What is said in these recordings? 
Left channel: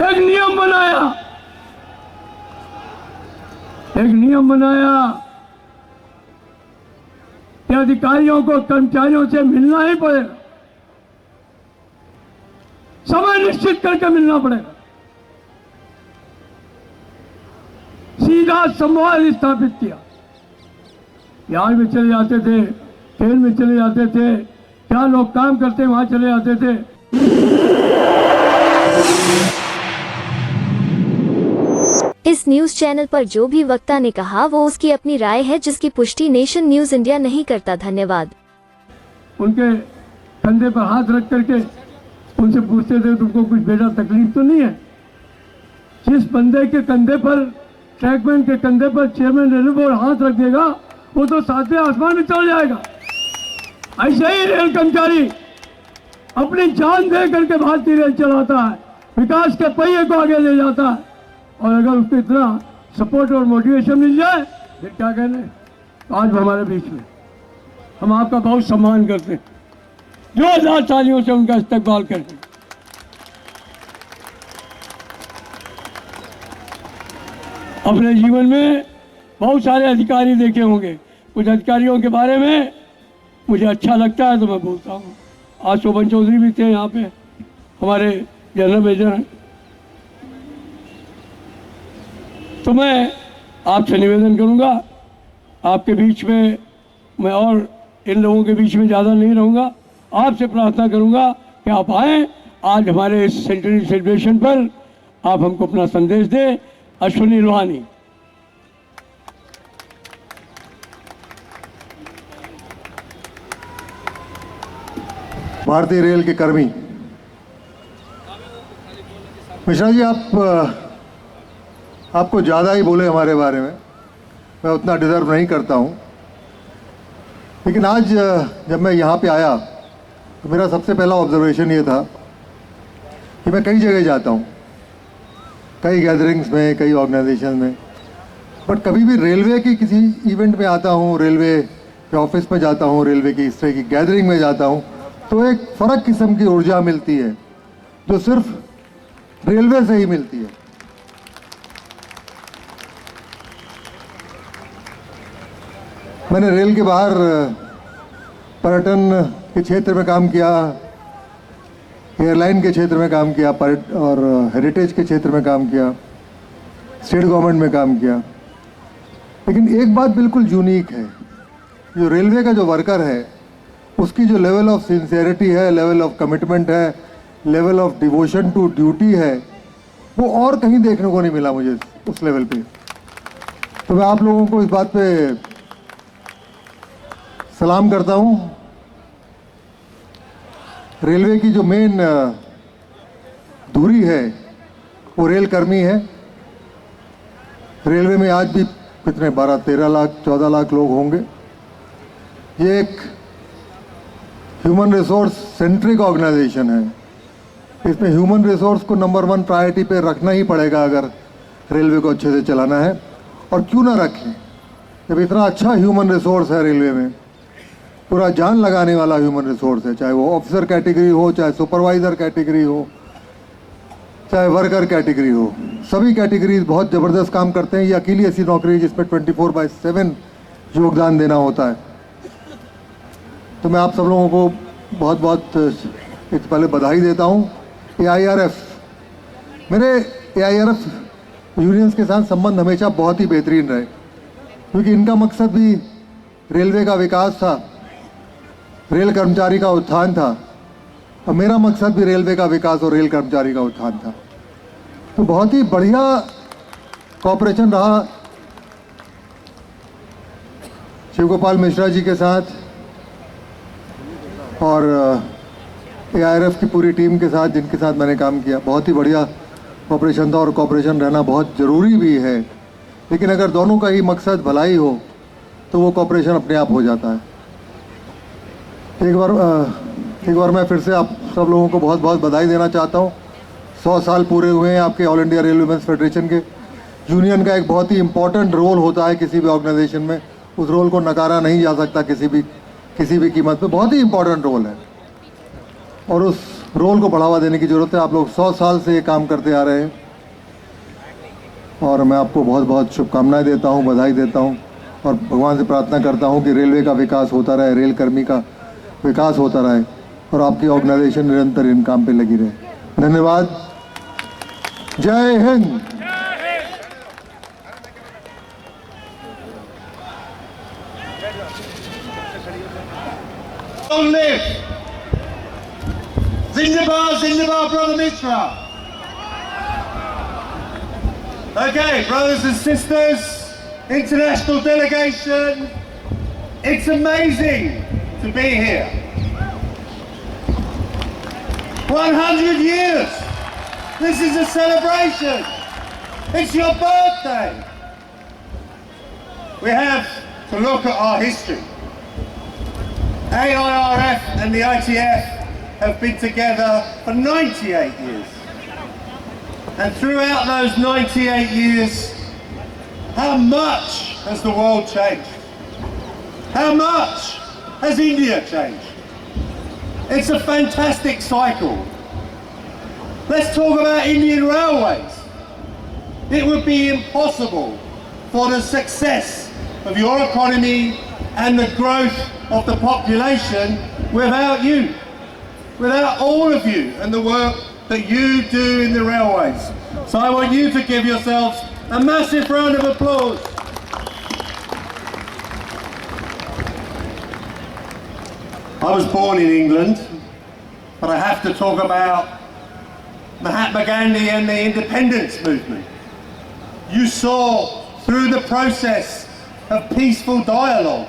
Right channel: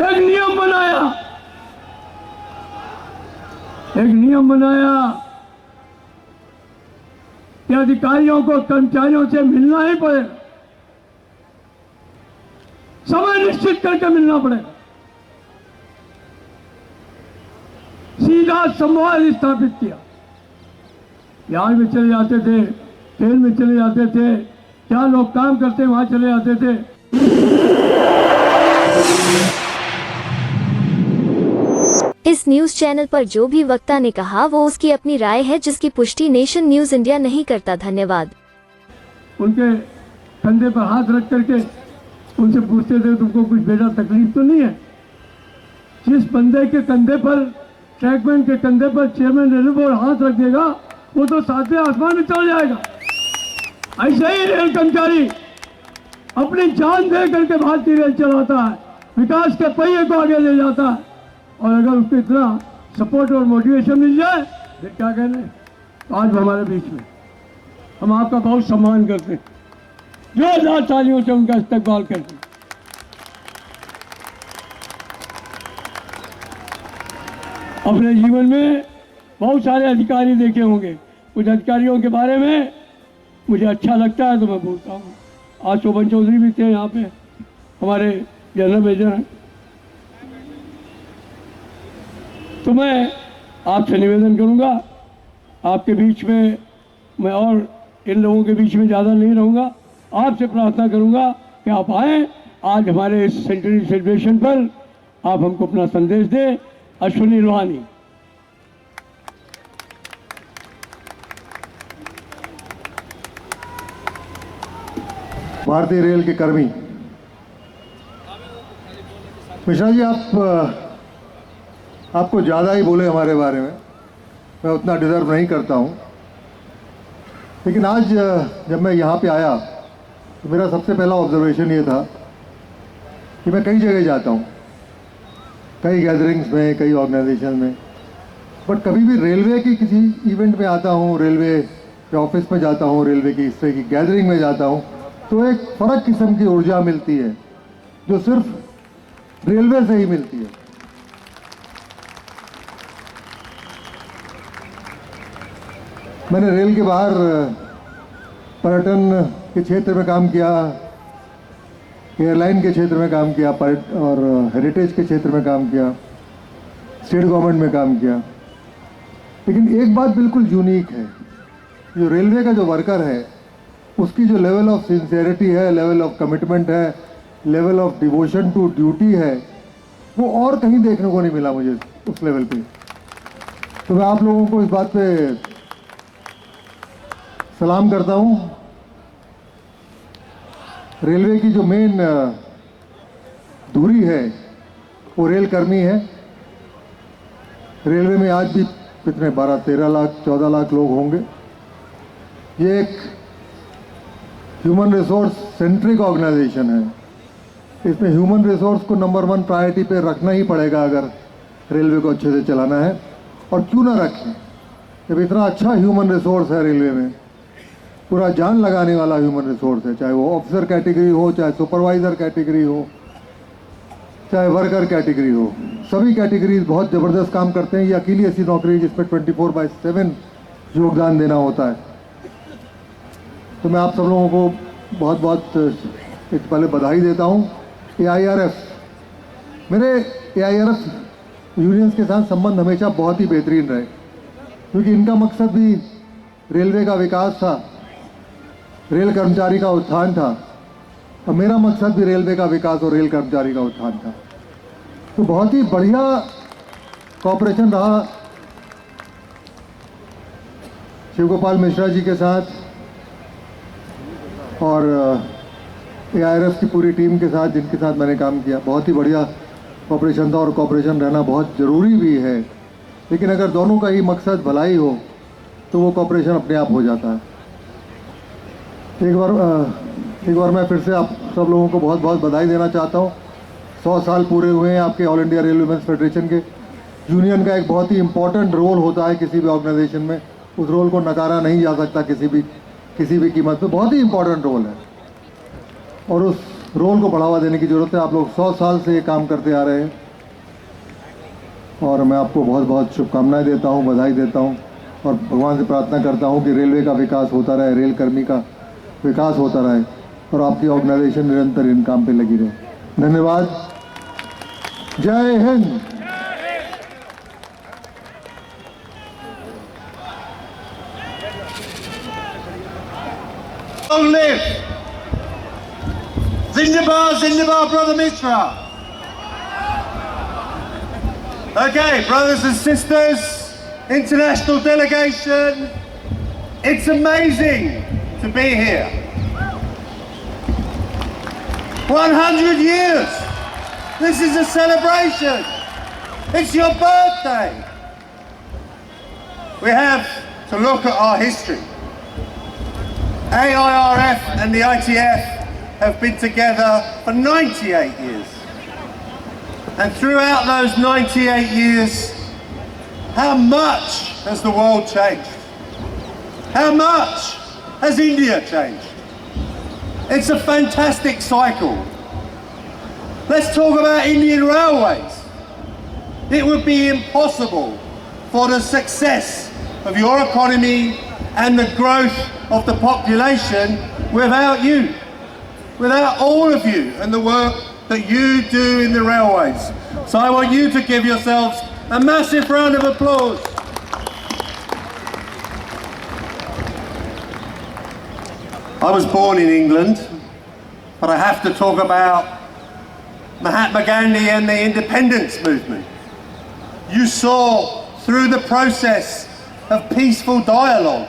एक नियम बनाया कि अधिकारियों को कर्मचारियों से मिलना ही पड़ेगा, समय निश्चित करके मिलना पड़ेगा। सीधा संवाद स्थापित किया। बिहार में चले जाते थे, खेल में चले जाते थे, क्या लोग काम करते वहां चले जाते थे। इस न्यूज चैनल पर जो भी वक्ता ने कहा वो उसकी अपनी राय है, जिसकी पुष्टि नेशन न्यूज इंडिया नहीं करता। धन्यवाद। उनके कंधे पर हाथ रख करके उनसे पूछते थे तुमको कुछ बेटा तकलीफ तो नहीं है। जिस बंदे के कंधे पर, ट्रैकमैन के कंधे पर चेयरमैन रेलवे बोर्ड हाथ रख देगा वो तो सातवें आसमान में चल जाएगा। ऐसे ही रेल कर्मचारी अपनी जान दे करके भारतीय रेल चलाता है, विकास के पहिए को आगे ले जाता है। और अगर उसको इतना सपोर्ट और मोटिवेशन मिल जाए फिर क्या कहने। आज हमारे बीच में, हम आपका बहुत सम्मान करते हैं, जोरदार तालियों से उनका इस्तकबाल करते हैं। अपने जीवन में बहुत सारे अधिकारी देखे होंगे, कुछ अधिकारियों के बारे में मुझे अच्छा लगता है तो मैं बोलता हूँ। आज शोभन चौधरी भी थे यहाँ पे, हमारे जनरल मेजर हैं। तो मैं आपसे निवेदन करूँगा, आपके बीच में मैं और इन लोगों के बीच में ज़्यादा नहीं रहूँगा। आपसे प्रार्थना करूँगा कि आप आएँ, आज हमारे इस सेंचुरी सेलिब्रेशन पर आप हमको अपना संदेश दें। अश्विनी लोहानी। भारतीय रेल के कर्मी। मिश्रा जी, आपको ज़्यादा ही बोले हमारे बारे में, मैं उतना डिज़र्व नहीं करता हूँ। लेकिन आज जब मैं यहाँ पे आया तो मेरा सबसे पहला ऑब्जर्वेशन ये था कि मैं कई जगह जाता हूँ, कई गैदरिंग्स में, कई ऑर्गेनाइजेशन में, बट कभी भी रेलवे की किसी इवेंट में आता हूँ, रेलवे के ऑफिस में जाता हूँ, रेलवे की इस तरह की गैदरिंग में जाता हूँ तो एक फ़र्क किस्म की ऊर्जा मिलती है जो सिर्फ रेलवे से ही मिलती है। मैंने रेल के बाहर पर्यटन के क्षेत्र में काम किया, एयरलाइन के क्षेत्र में काम किया, और हेरिटेज के क्षेत्र में काम किया, स्टेट गवर्नमेंट में काम किया। लेकिन एक बात बिल्कुल यूनिक है, जो रेलवे का जो वर्कर है उसकी जो लेवल ऑफ सिंसियरिटी है, लेवल ऑफ कमिटमेंट है, level of devotion to duty है, वो और कहीं देखने को नहीं मिला मुझे उस लेवल पे। तो मैं आप लोगों को इस बात पे सलाम करता हूँ। रेलवे की जो मेन दूरी है वो रेल कर्मी है। रेलवे में आज भी कितने 12-13 लाख 14 लाख लोग होंगे। ये एक ह्यूमन रिसोर्स सेंट्रिक ऑर्गेनाइजेशन है। इसमें ह्यूमन रिसोर्स को नंबर 1 प्रायोरिटी पे रखना ही पड़ेगा अगर रेलवे को अच्छे से चलाना है। और क्यों ना रखें, जब इतना अच्छा ह्यूमन रिसोर्स है रेलवे में, पूरा जान लगाने वाला ह्यूमन रिसोर्स है, चाहे वो ऑफिसर कैटेगरी हो, चाहे सुपरवाइज़र कैटेगरी हो, चाहे वर्कर कैटेगरी हो, सभी कैटेगरीज बहुत ज़बरदस्त काम करते हैं। ये अकेली ऐसी नौकरी है जिसमें 24/7 योगदान देना होता है। तो मैं आप सब लोगों को बहुत बहुत एक पहले बधाई देता हूँ। एआईआरएफ, मेरे एआईआरएफ यूनियंस के साथ संबंध हमेशा बहुत ही बेहतरीन रहे, क्योंकि इनका मकसद भी रेलवे का विकास था, रेल कर्मचारी का उत्थान था, और मेरा मकसद भी रेलवे का विकास और रेल कर्मचारी का उत्थान था। तो बहुत ही बढ़िया कॉपरेशन रहा शिव गोपाल मिश्रा जी के साथ और एआईआरएफ की पूरी टीम के साथ, जिनके साथ मैंने काम किया। बहुत ही बढ़िया कॉपरेशन था, और कॉपरेशन रहना बहुत ज़रूरी भी है। लेकिन अगर दोनों का ही मकसद भलाई हो तो वो कॉपरेशन अपने आप हो जाता है। एक बार मैं फिर से आप सब लोगों को बहुत बहुत बधाई देना चाहता हूँ। 100 साल पूरे हुए हैं आपके all India railway men's federation के। यूनियन का एक बहुत ही इम्पोर्टेंट रोल होता है किसी भी ऑर्गेनाइजेशन में, उस रोल को नकारा नहीं जा सकता किसी भी कीमत पे। बहुत ही इम्पोर्टेंट रोल है, और उस रोल को बढ़ावा देने की ज़रूरत है। आप लोग 100 साल से ये काम करते आ रहे हैं और मैं आपको बहुत बहुत शुभकामनाएं देता हूं, बधाई देता हूं और भगवान से प्रार्थना करता हूं कि रेलवे का विकास होता रहे, रेल कर्मी का विकास होता रहे और आपकी ऑर्गेनाइजेशन निरंतर इन काम पे लगी रहे। धन्यवाद। जय Hind. Long live! Zindabad, Zindabad, Brother Mishra! Okay, brothers and sisters, international delegation, it's amazing to be here. 100 years! This is a celebration! It's your birthday! We have to look at our history. AIRF and the ITF have been together for 98 years. And throughout those 98 years, how much has the world changed? How much has India changed? It's a fantastic cycle. Let's talk about Indian Railways. It would be impossible for the success of your economy and the growth of the population without you, without all of you and the work that you do in the railways. So I want you to give yourselves a massive round of applause. I was born in England, but I have to talk about Mahatma Gandhi and the independence movement. You saw through the process of peaceful dialogue,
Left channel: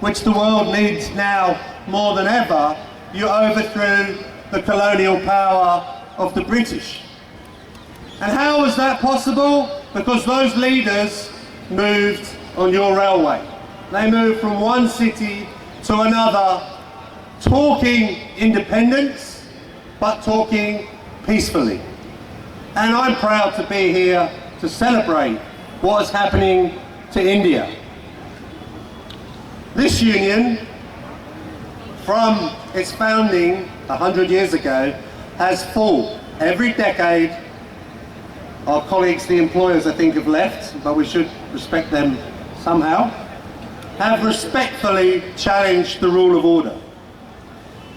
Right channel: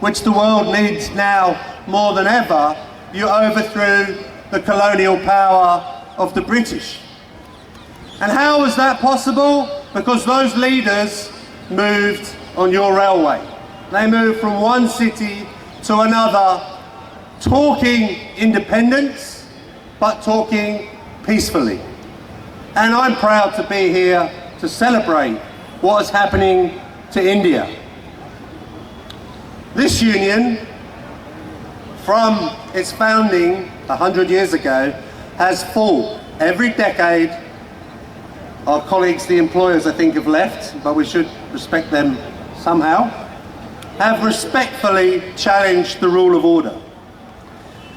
which the world needs now more than ever, you overthrew the colonial power of the British. And how was that possible? Because those leaders moved on your railway. They moved from one city to another, talking independence, but talking peacefully. And I'm proud to be here to celebrate what is happening to India. This union, from its founding 100 years ago, has fought every decade. Our colleagues, the employers, I think, have left, but we should respect them somehow, have respectfully challenged the rule of order.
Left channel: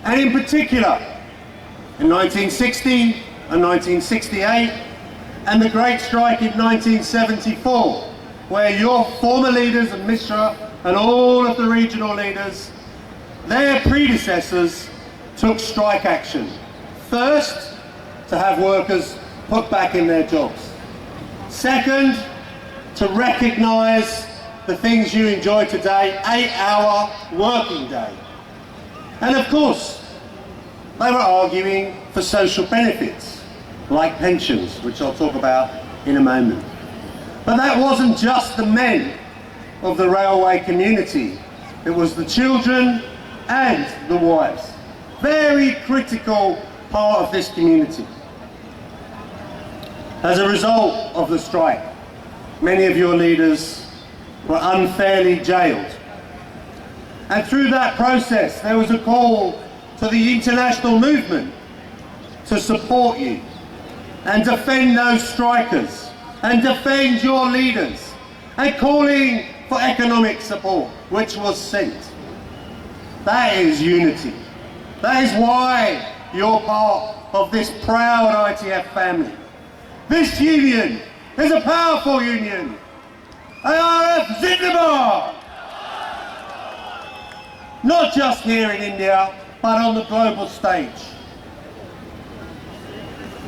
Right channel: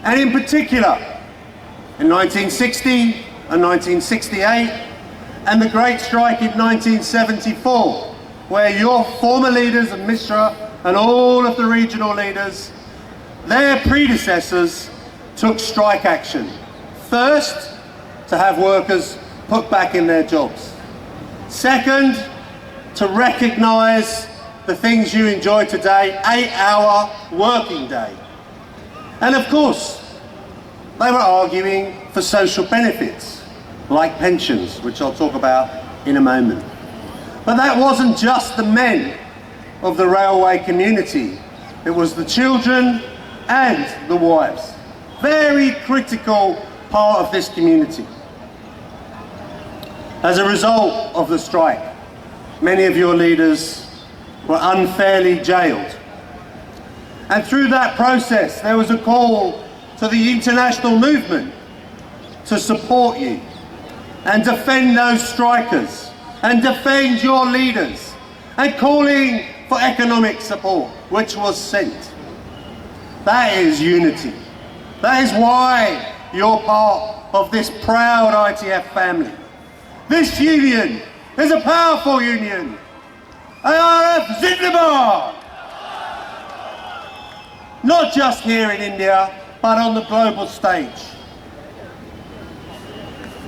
And in particular, in 1960 and 1968, and the Great Strike in 1974, where your former leaders and Mishra and all of the regional leaders, their predecessors, took strike action. First, to have workers put back in their jobs. Second, to recognise the things you enjoy today, 8-hour working day. And of course, they were arguing for social benefits, like pensions, which I'll talk about in a moment. But that wasn't just the men of the railway community. It was the children and the wives. Very critical part of this community. As a result of the strike, many of your leaders were unfairly jailed. And through that process, there was a call to the international movement to support you and defend those strikers and defend your leaders, and calling for economic support, which was sent. That is unity. That is why you're part of this proud ITF family. This union is a powerful union. AIRF Zindabad! Not just here in India, but on the global stage.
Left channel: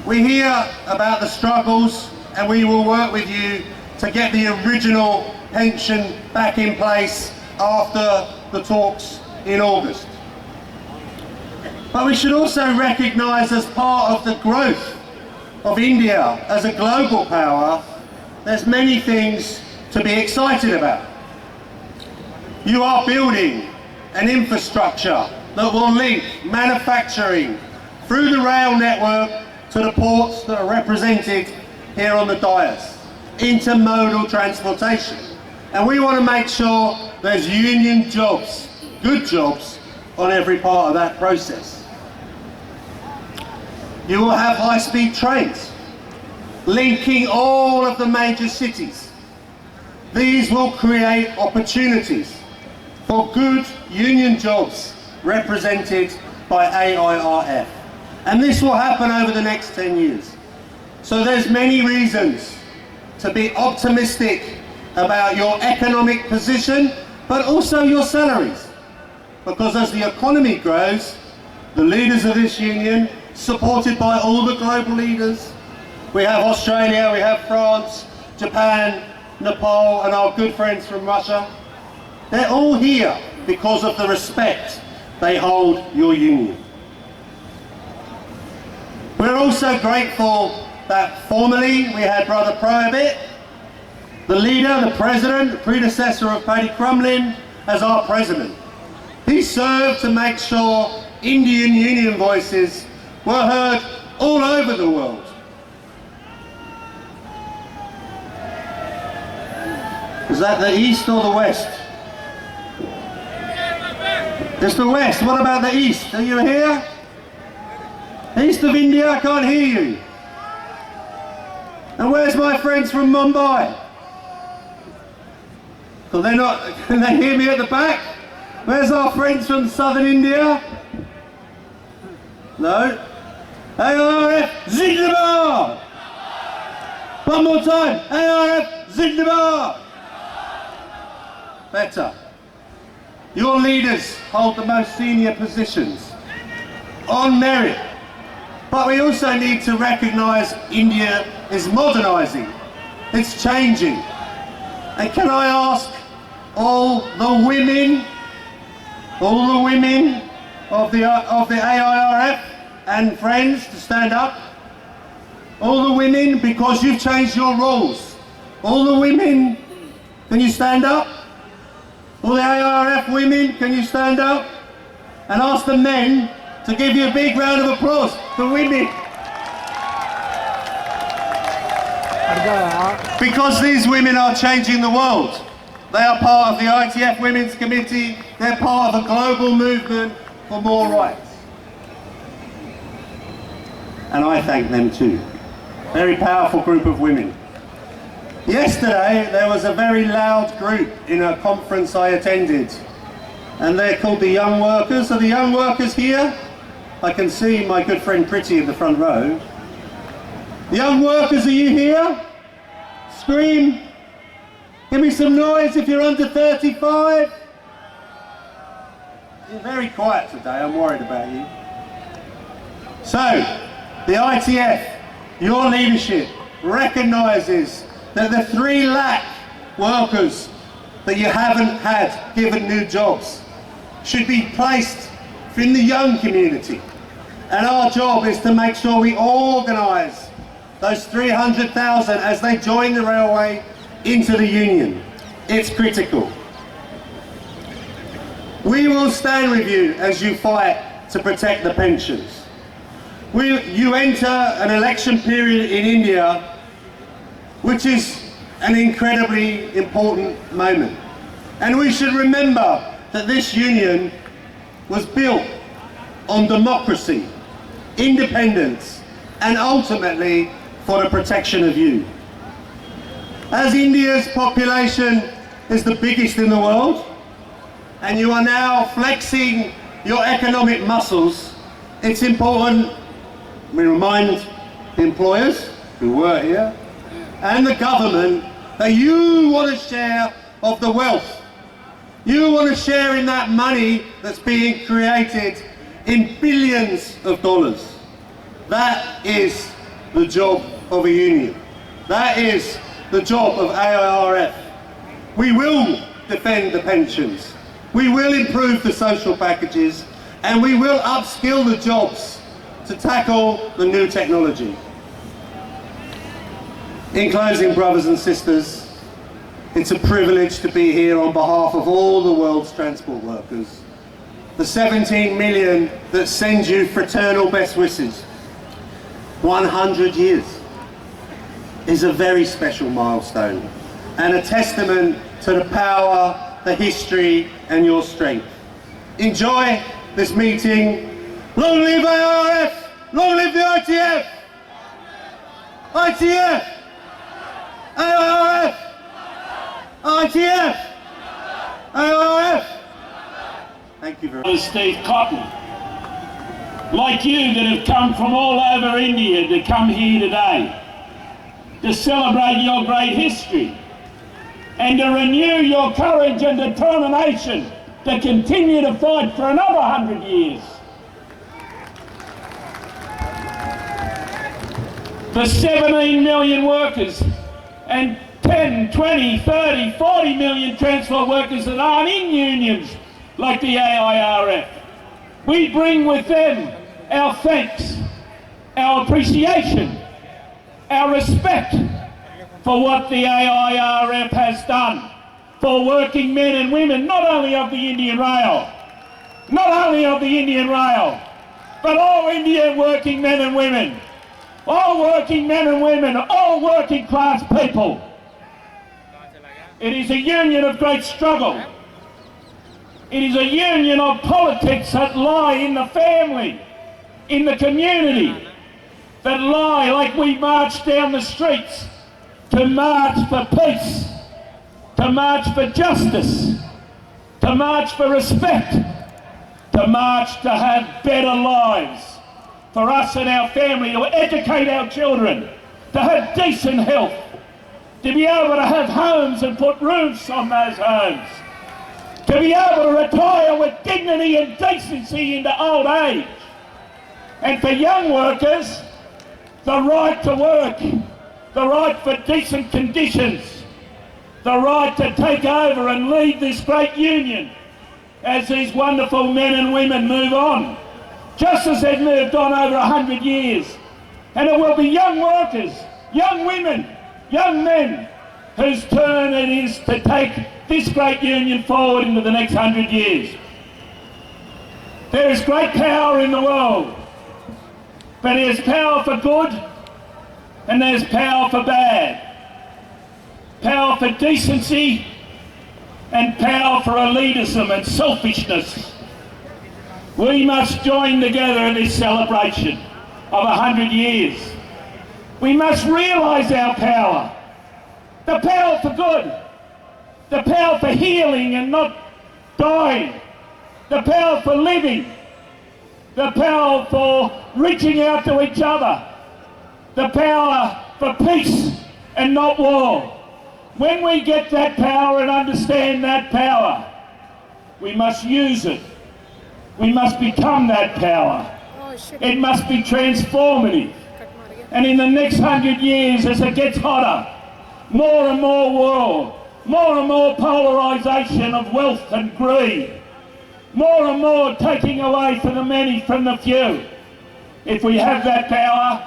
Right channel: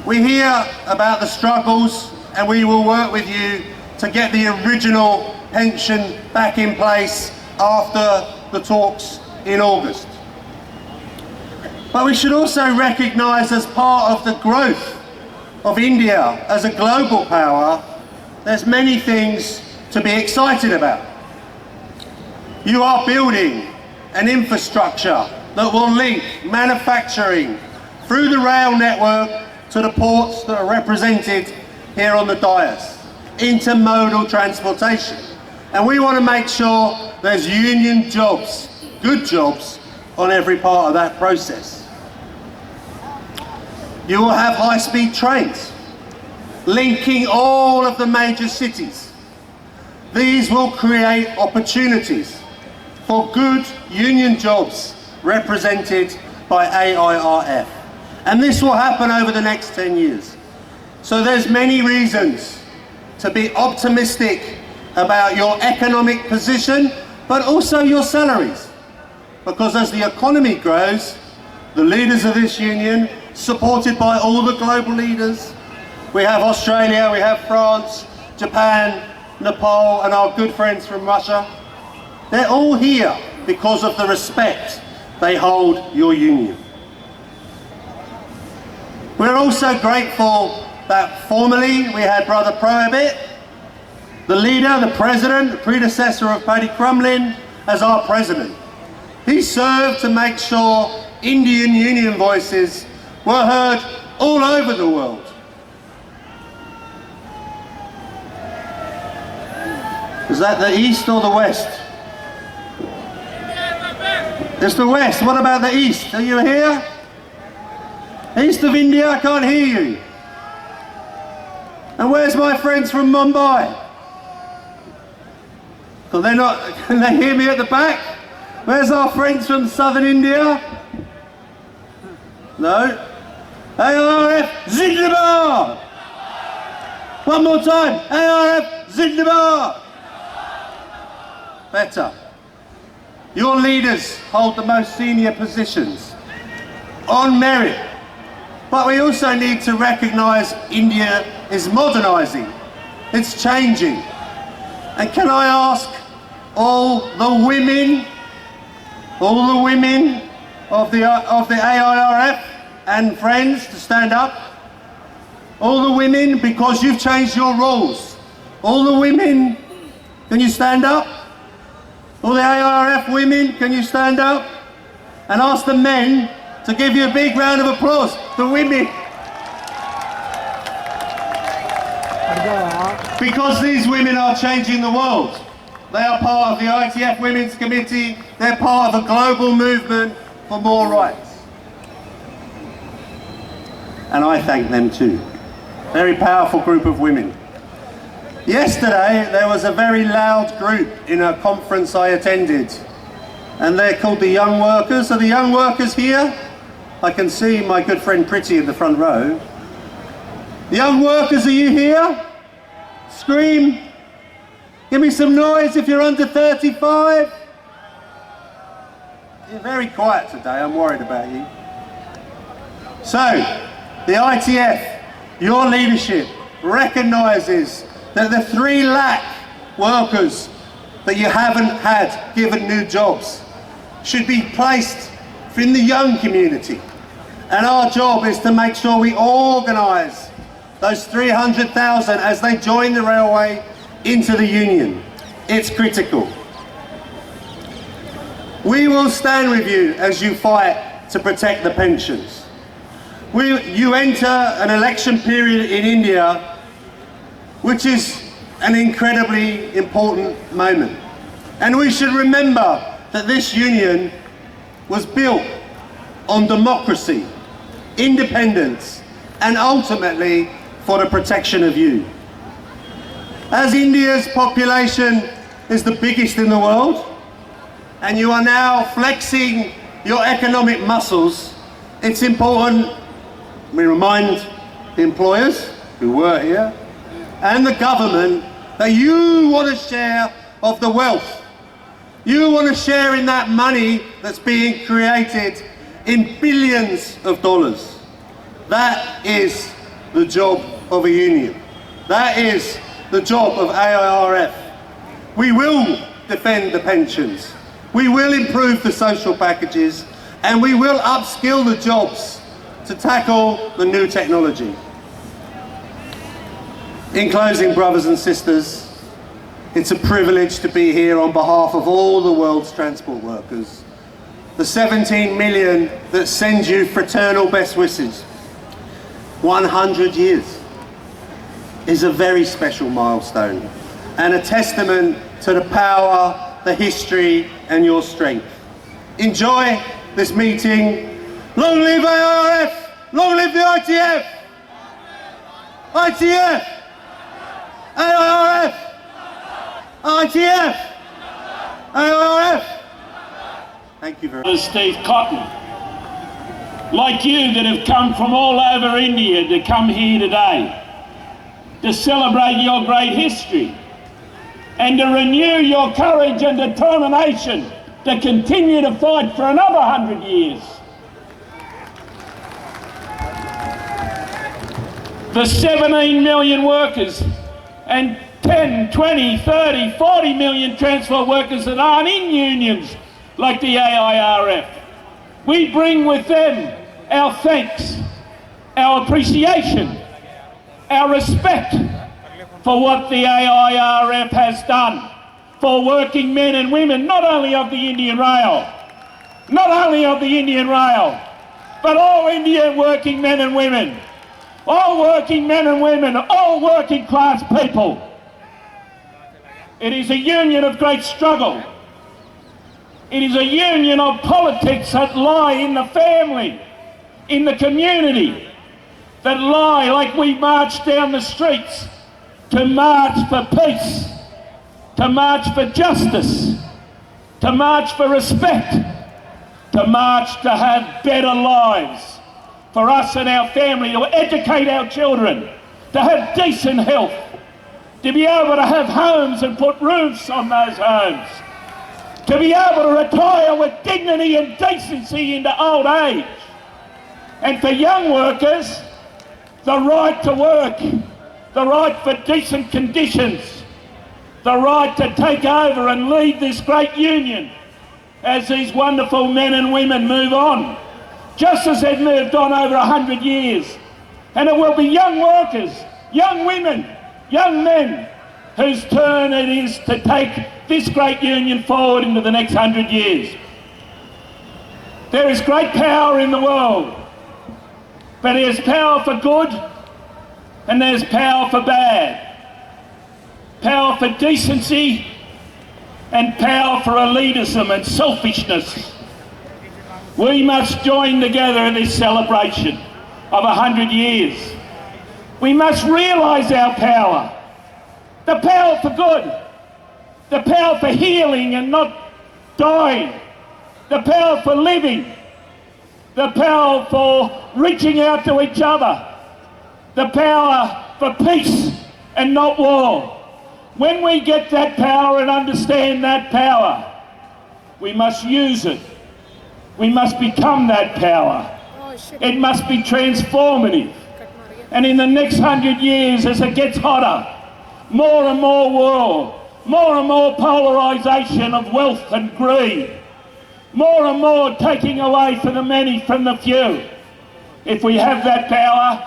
We hear about the struggles, and we will work with you to get the original pension back in place after the talks in August. But we should also recognise, as part of the growth of India as a global power, there's many things to be excited about. You are building an infrastructure that will link manufacturing through the rail network to the ports that are represented here on the dais, intermodal transportation. And we want to make sure there's union jobs, good jobs, on every part of that process. You will have high-speed trains linking all of the major cities. These will create opportunities for good union jobs represented by AIRF. And this will happen over the next 10 years. So there's many reasons to be optimistic about your economic position, but also your salaries. Because as the economy grows, the leaders of this union, supported by all the global leaders, we have Australia, we have France, Japan, Nepal, and our good friends from Russia, they're all here because of the respect they hold your union. We're also grateful that formally we had Brother Prohibit, the leader, the president, the predecessor of Paddy Crumlin, as our president. He served to make sure Indian union voices were heard all over the world. Is that the east or the west? It's the west. What about the east? Are you here? East of India, I can't hear you. And where's my friends from Mumbai? Well, they're not, can they hear me at the back? Where's our friends from southern India? No? AIRF Zindabad! One more time, AIRF Zindabad! Better. Your leaders hold the most senior positions on merit. But we also need to recognise India is modernising. It's changing. And can I ask all the women of the AIRF and friends to stand up? All the women, because you've changed your rules. All the women, can you stand up? All the AIRF women, can you stand up? And ask the men to give you a big round of applause. The women. Because these women are changing the world. They are part of the ITF Women's Committee. They're part of a global movement for more rights. And I thank them too. Very powerful group of women. Yesterday, there was a very loud group in a conference I attended. And they're called the Young Workers. Are the Young Workers here? I can see my good friend Pretty in the front row. Young Workers, are you here? Scream. Give me some noise if you're under 35. You're very quiet today, I'm worried about you. So, the ITF, your leadership, recognises that the 3 lakh workers that you haven't had given new jobs should be placed in the young community. And our job is to make sure we organise those 300,000 as they join the railway into the union. It's critical. We will stand with you as you fight to protect the pensions. You enter an election period in India, which is an incredibly important moment. And we should remember that this union was built on democracy, independence, and ultimately for the protection of you. As India's population is the biggest in the world, and you are now flexing your economic muscles, it's important we remind the employers who were here and the government that you want a share of the wealth. You want to share in that money that's being created in billions of dollars. That is the job of a union. That is the job of AIRF. We will defend the pensions. We will improve the social packages, and we will upskill the jobs to tackle the new technology. In closing, brothers and sisters, it's a privilege to be here on behalf of all the world's transport workers. The 17 million that send you fraternal best wishes. 100 years is a very special milestone and a testament to the power, the history and your strength. Enjoy this meeting. Long live AIRF! Long live the ITF! ITF! AIRF! ITF! AIRF! Thank you very much. Steve Cotton, like you that have come from all over India to come here today to celebrate your great history and to renew your courage and determination to continue to fight for another 100 years. The 17 million workers and 10, 20, 30, 40 million transport workers that aren't in unions like the AIRF. We bring with them our thanks, our appreciation, our respect for what the AIRF has done for working men and women, not only of the Indian Rail, but all Indian working men and women, all working men and women, all working class people. It is a union of great struggle. It is a union of politics that lie in the family, in the community, that lie like we march down the streets to march for peace, to march for justice, to march for respect, to march to have better lives for us and our family, to educate our children, to have decent health, to be able to have homes and put roofs on those homes, to be able to retire with dignity and decency into old age, and for young workers, the right to work, the right for decent conditions, the right to take over and lead this great union as these wonderful men and women move on, just as they've moved on over 100 years. And it will be young workers, young women, young men, whose turn it is to take this great union forward into the next 100 years. There is great power in the world, but there's power for good and there's power for bad. Power for decency and power for elitism and selfishness. We must join together in this celebration of 100 years. We must realise our power. The power for good. The power for healing and not dying. The power for living. The power for reaching out to each other. The power for peace and not war. When we get that power and understand that power, we must use it. We must become that power. It must be transformative. And in the next 100 years, as it gets hotter, more and more war, more and more polarisation of wealth and greed, more and more taking away from the many from the few. If we have that power,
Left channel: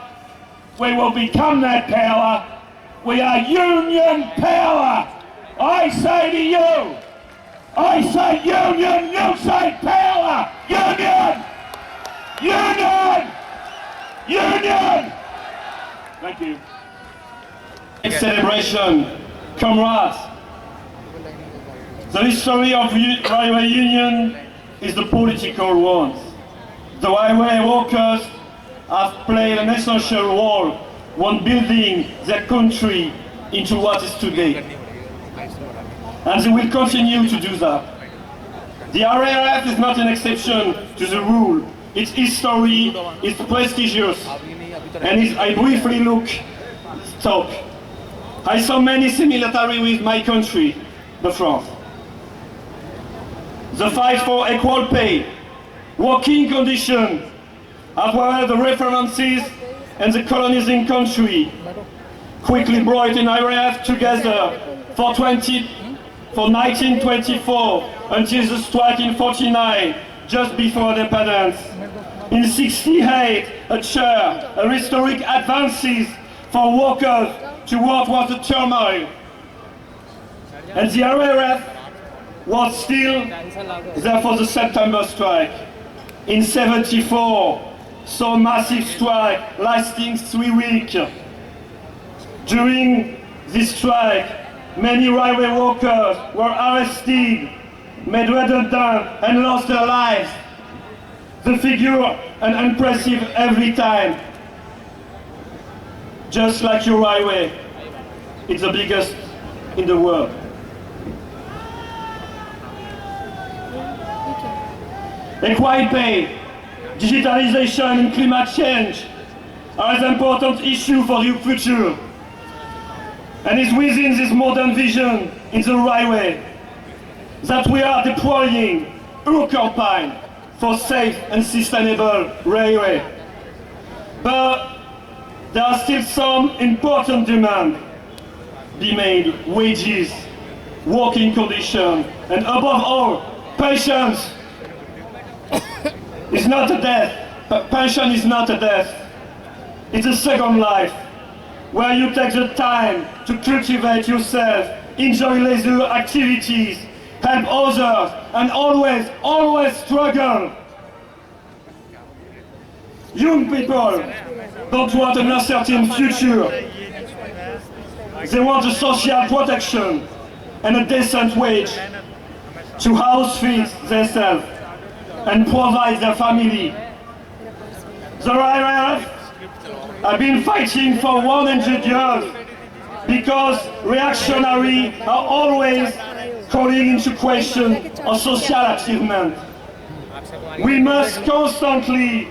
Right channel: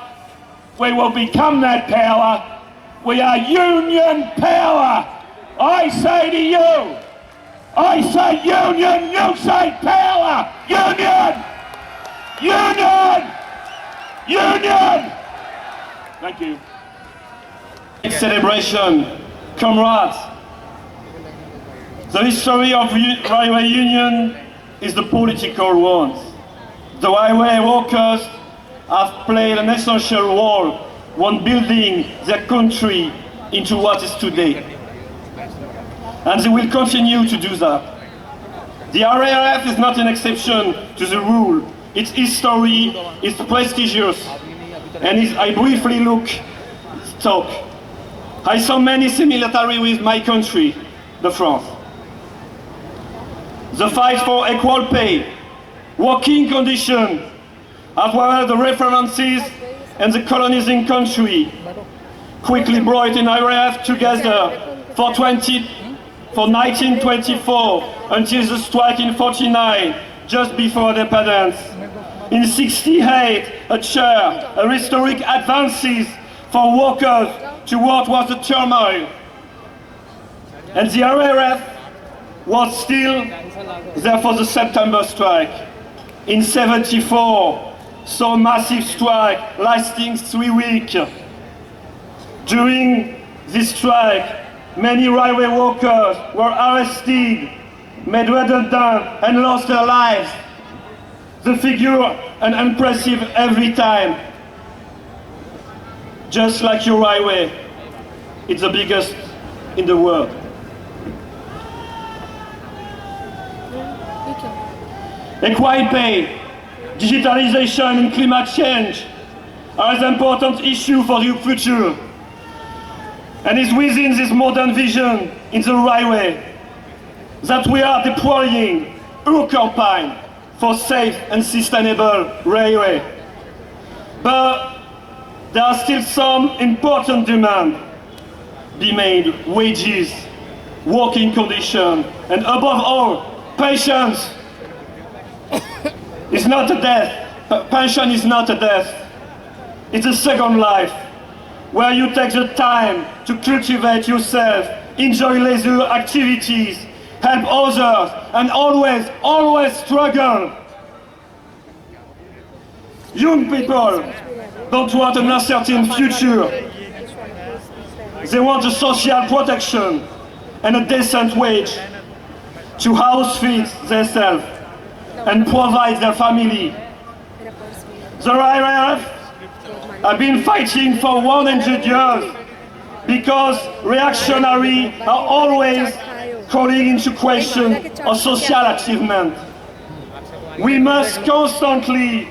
we will become that power. We are union power. I say to you, I say union, you say power. Union! Union! Union! Thank you. Next celebration, comrades. The history of railway union is the political one. The railway workers have played an essential role when building their country into what is today. And they will continue to do that. The RAF is not an exception to the rule. Its history is prestigious, and I briefly talk. I saw many similarities with my country, the France. The fight for equal pay, working conditions, as well as the references and the colonizing country, quickly brought in RAF together for 1924 until the strike in 49, just before independence. In 68, a historic advances for workers toward what the turmoil. And the RAF was still there for the September strike. In 74, saw a massive strike lasting 3 weeks. During this strike, many railway workers were arrested, made redundant, and lost their lives. the figure and impressive every time. Just like your railway, it's the biggest in the world. Equal pay, digitalization and climate change are an important issue for the future. And it's within this modern vision in the railway that we are deploying our campaign for safe and sustainable railway. But there are still some important demands be made: wages, working conditions, and above all, patience. It's not a death. Pension is not a death. It's a second life, where you take the time to cultivate yourself, enjoy leisure activities, help others, and always struggle. Young people don't want an uncertain future. They want a social protection and a decent wage to house feed themselves and provide their family. The eआईआरएफ have been fighting for 100 years because reactionaries are always calling into question our social achievement. We must constantly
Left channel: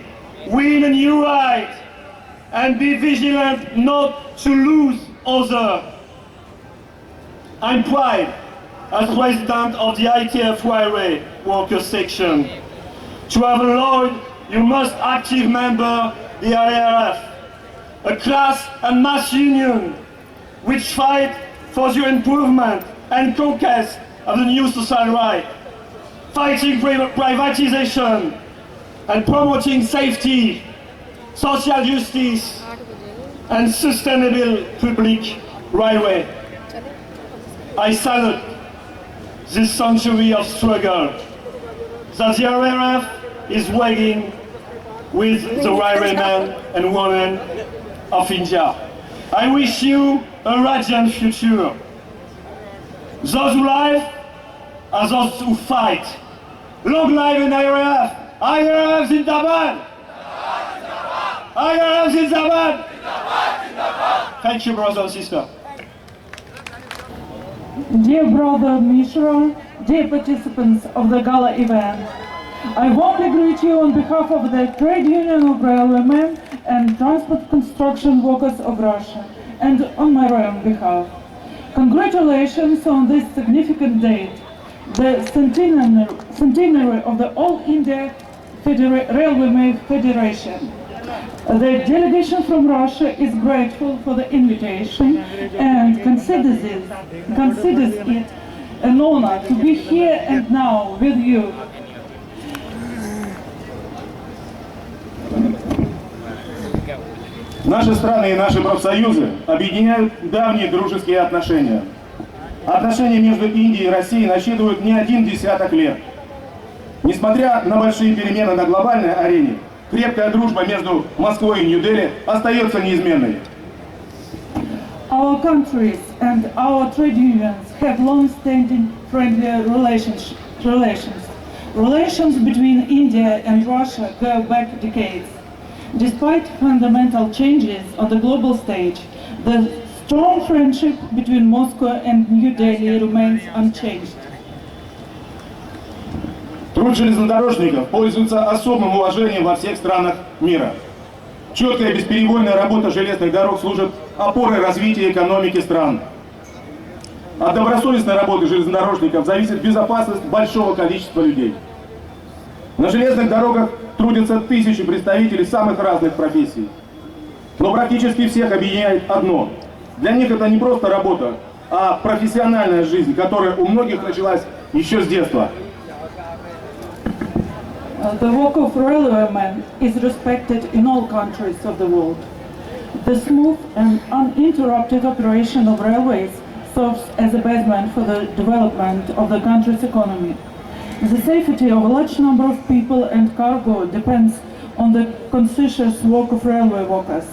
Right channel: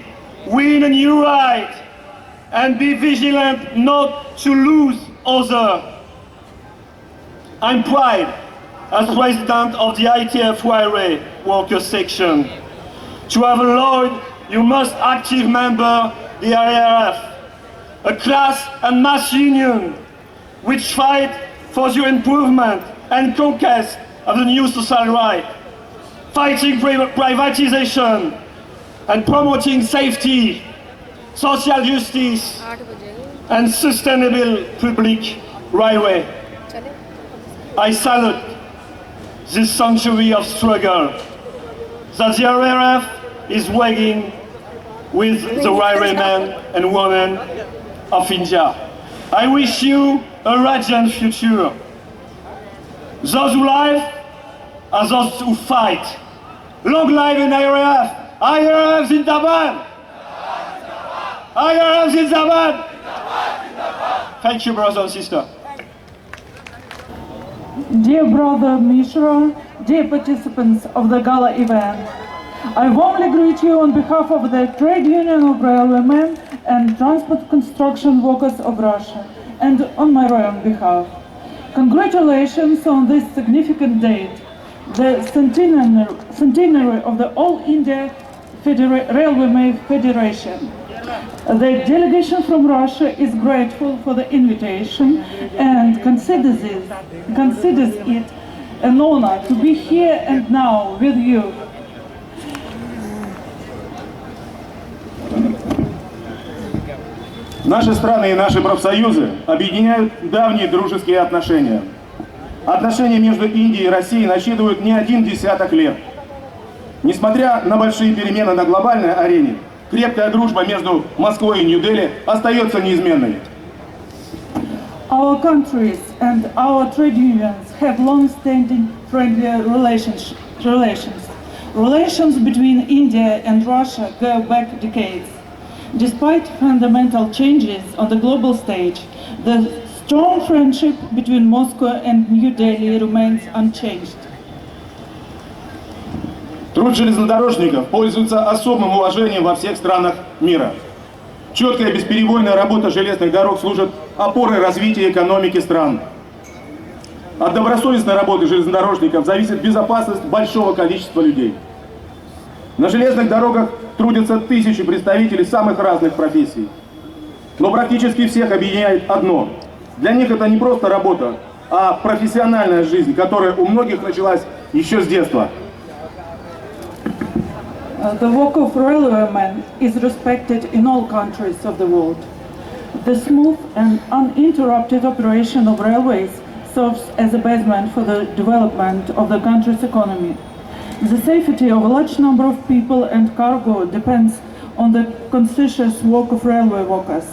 win a new right and be vigilant not to lose others. I'm proud as president of the ITF Railway Workers Section to have allowed you most active member the eआईआरएF, a class and mass union which fight for the improvement and conquest of the new social right, fighting privatization and promoting safety, social justice and sustainable public railway. I salute this century of struggle that the eआईआरएफ is waging with the railwaymen and women of India. I wish you a radiant future. Those who live are those who fight. Long live in eआईआरएफ! eआईआरएफ Zindabad! eआईआरएफ Zindabad! Thank you, brothers and sisters. Dear brother Mishra, dear participants of the gala event, I warmly greet you on behalf of the Trade Union of Railwaymen and Transport Construction Workers of Russia, and on my own behalf. Congratulations on this significant date, the centenary of the All India Railwaymen Federation. The delegation from Russia is grateful for the invitation and considers it an honor to be here and now with you. Наши страны и наши профсоюзы объединяют давние дружеские отношения. Отношения между Индией и Россией насчитывают не один десяток лет. Несмотря на большие перемены на глобальной арене, крепкая дружба между Москвой и Нью-Дели остается неизменной. Our countries and our trade unions have long-standing friendly relations. Relations between India and Russia go back decades. Despite fundamental changes on the global stage, the strong friendship between Moscow and New Delhi remains unchanged. Труд железнодорожников пользуется особым уважением во всех странах мира. Четкая и бесперебойная работа железных дорог служит опорой развития экономики стран. От добросовестной работы железнодорожников зависит безопасность большого количества людей. На железных дорогах трудятся тысячи представителей самых разных профессий. Но практически всех объединяет одно. Для них это не просто работа, а профессиональная жизнь, которая у многих началась еще с детства. The work of railwaymen is respected in all countries of the world. The smooth and uninterrupted operation of railways serves as a basement for the development of the country's economy. The safety of a large number of people and cargo depends on the conscientious work of railway workers.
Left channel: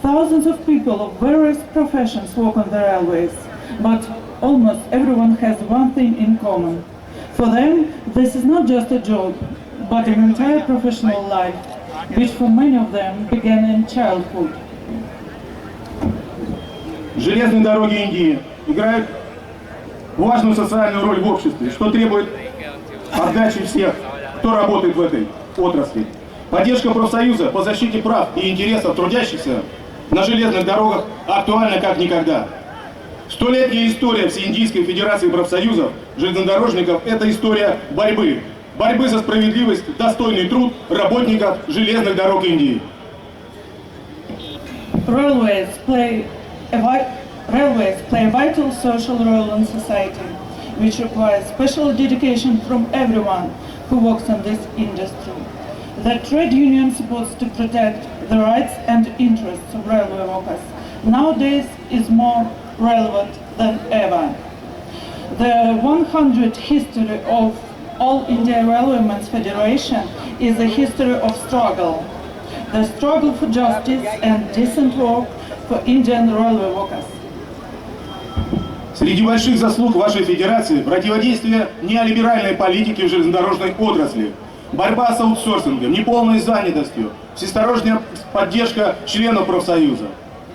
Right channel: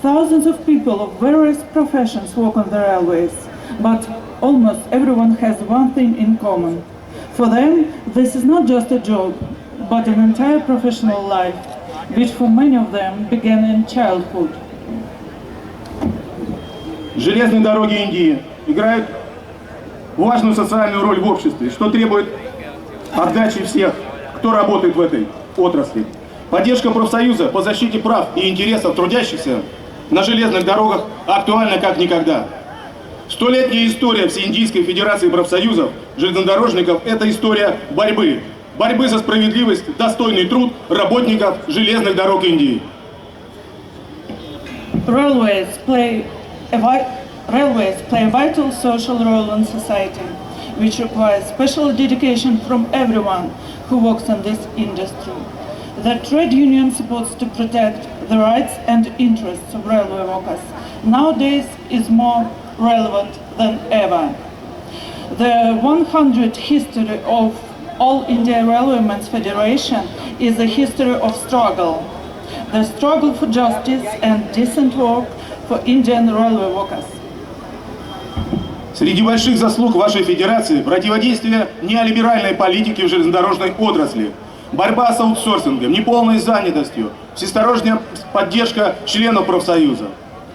Thousands of people of various professions work on the railways, but almost everyone has one thing in common. For them, this is not just a job, but an entire professional life, which for many of them began in childhood. Железные дороги Индии играют важную социальную роль в обществе, что требует отдачи всех, кто работает в этой отрасли. Поддержка профсоюза по защите прав и интересов трудящихся на железных дорогах актуальна как никогда. Столетняя история Всеиндийской Федерации профсоюзов железнодорожников – это история борьбы. Борьбы за справедливость, достойный труд работников железных дорог Индии. Railways play a vital social role in society, which requires special dedication from everyone who works in this industry. The trade union supports to protect the rights and interests of railway workers nowadays is more relevant than ever. The 100 history of All India Railwaymen's Federation is a history of struggle. The struggle for justice and decent work for Indian railway workers. Среди больших заслуг вашей федерации противодействие неолиберальной политике в железнодорожной отрасли, борьба с аутсорсингом, неполной занятостью, всесторонняя поддержка членов профсоюза.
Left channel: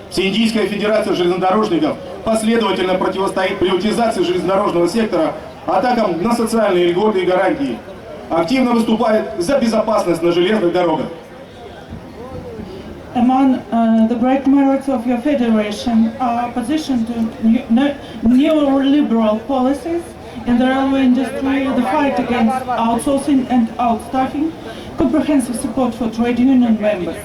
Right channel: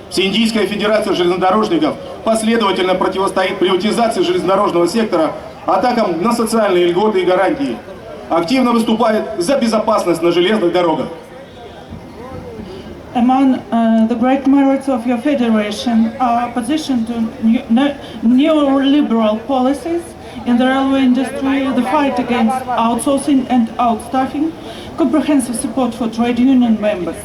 Всеиндийская федерация железнодорожников последовательно противостоит приватизации железнодорожного сектора, атакам на социальные льготы и гарантии. Активно выступает за безопасность на железных дорогах. Among the great merits of your federation are opposition to neoliberal policies in the railway industry, the fight against outsourcing and outstaffing, comprehensive support for trade union members.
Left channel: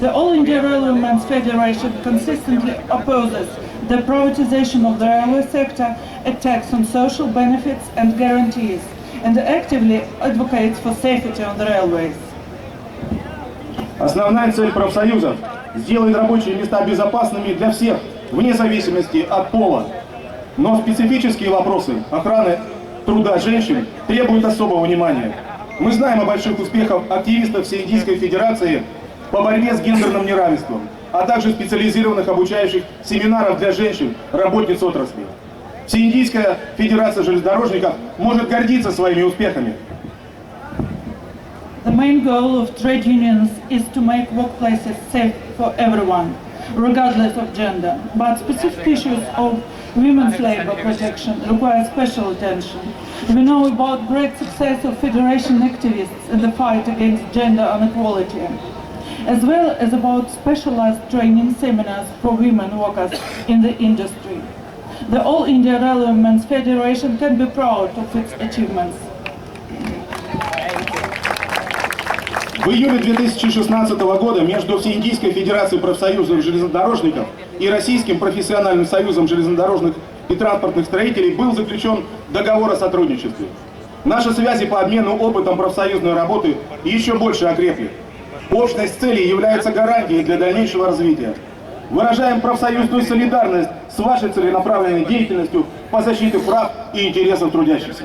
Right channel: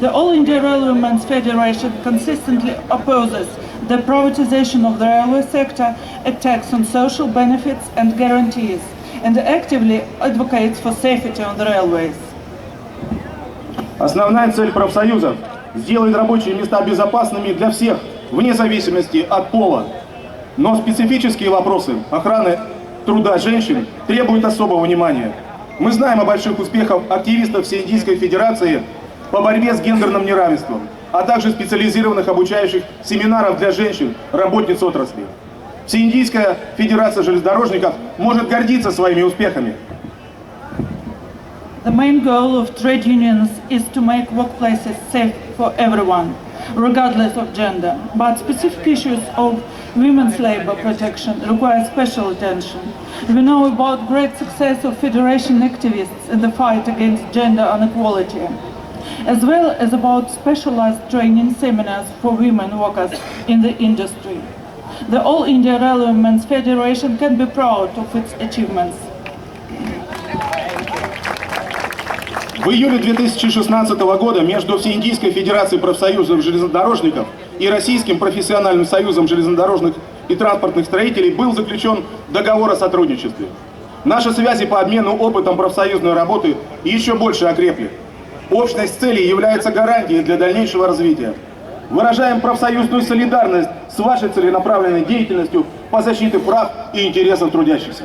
The All India Railwaymen's Federation consistently opposes the privatization of the railway sector, attacks on social benefits and guarantees, and actively advocates for safety on the railways. Основная цель профсоюзов – сделать рабочие места безопасными для всех, вне зависимости от пола. Но специфические вопросы охраны труда женщин требуют особого внимания. Мы знаем о больших успехах активистов Всеиндийской Федерации по борьбе с гендерным неравенством, а также специализированных обучающих семинаров для женщин, работниц отрасли. Всеиндийская Федерация железнодорожников может гордиться своими успехами. The main goal of trade unions is to make workplaces safe for everyone, regardless of gender. But specific issues of women's labor protection require special attention. We know about great success of federation activists in the fight against gender inequality, as well as about specialized training seminars for women workers in the industry. The All India Railwaymen's Federation can be proud of its achievements. В июле 2016 года между Всеиндийской Федерацией профсоюзов железнодорожников и Российским профессиональным союзом железнодорожных и транспортных строителей был заключен договор о сотрудничестве. Наши связи по обмену опытом профсоюзной работы еще больше окрепли. Общность целей является гарантией для дальнейшего развития. Выражаем профсоюзную солидарность с вашей целенаправленной деятельностью по защите прав и интересов трудящихся.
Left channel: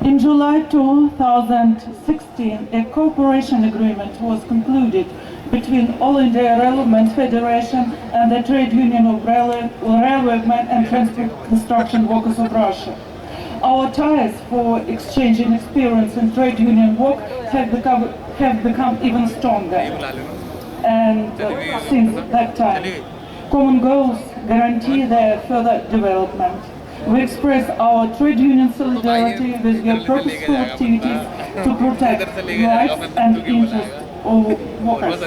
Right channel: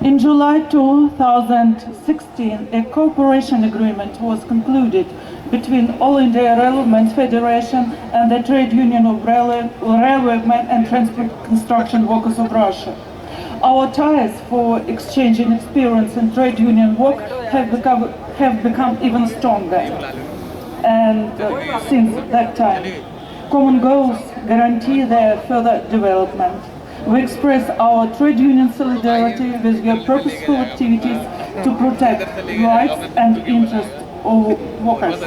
In July 2016, a cooperation agreement was concluded between All India Railwaymen's Federation and the Trade Union of Railwaymen and Transport Construction Workers of Russia. Our ties for exchanging experience in trade union work have become even stronger. And since that time, common goals guarantee their further development. We express our trade union solidarity with your purposeful activities to protect rights and interests of workers.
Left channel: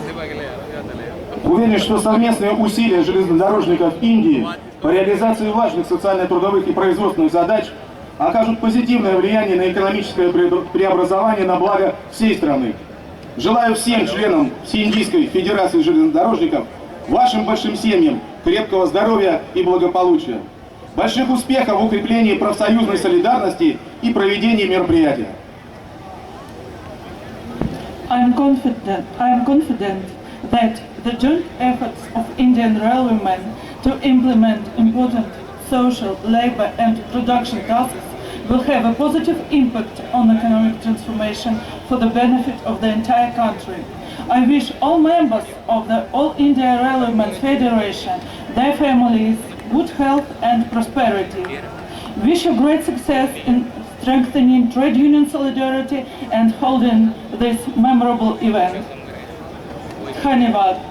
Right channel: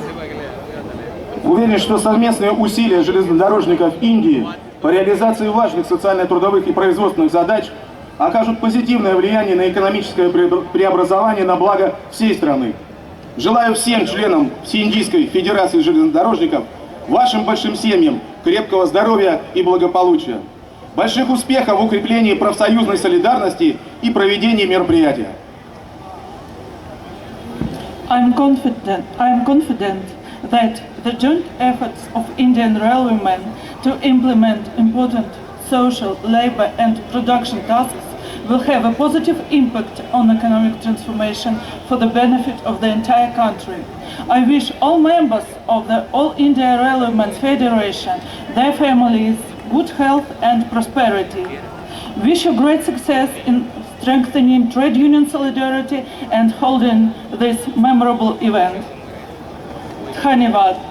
Уверен, что совместные усилия железнодорожников Индии по реализации важных социально-трудовых и производственных задач окажут позитивное влияние на экономическое преобразование на благо всей страны. Желаю всем членам Всеиндийской Федерации железнодорожников, вашим большим семьям, крепкого здоровья и благополучия. Больших успехов в укреплении профсоюзной солидарности и проведении мероприятия. I am confident that the joint efforts of Indian railwaymen to implement important social, labor and production tasks will have a positive impact on economic transformation for the benefit of the entire country. I wish all members of the All India Railwaymen's Federation, their families, good health and prosperity. Wish you great success in strengthening trade union solidarity and holding this memorable event. Dhanyavad.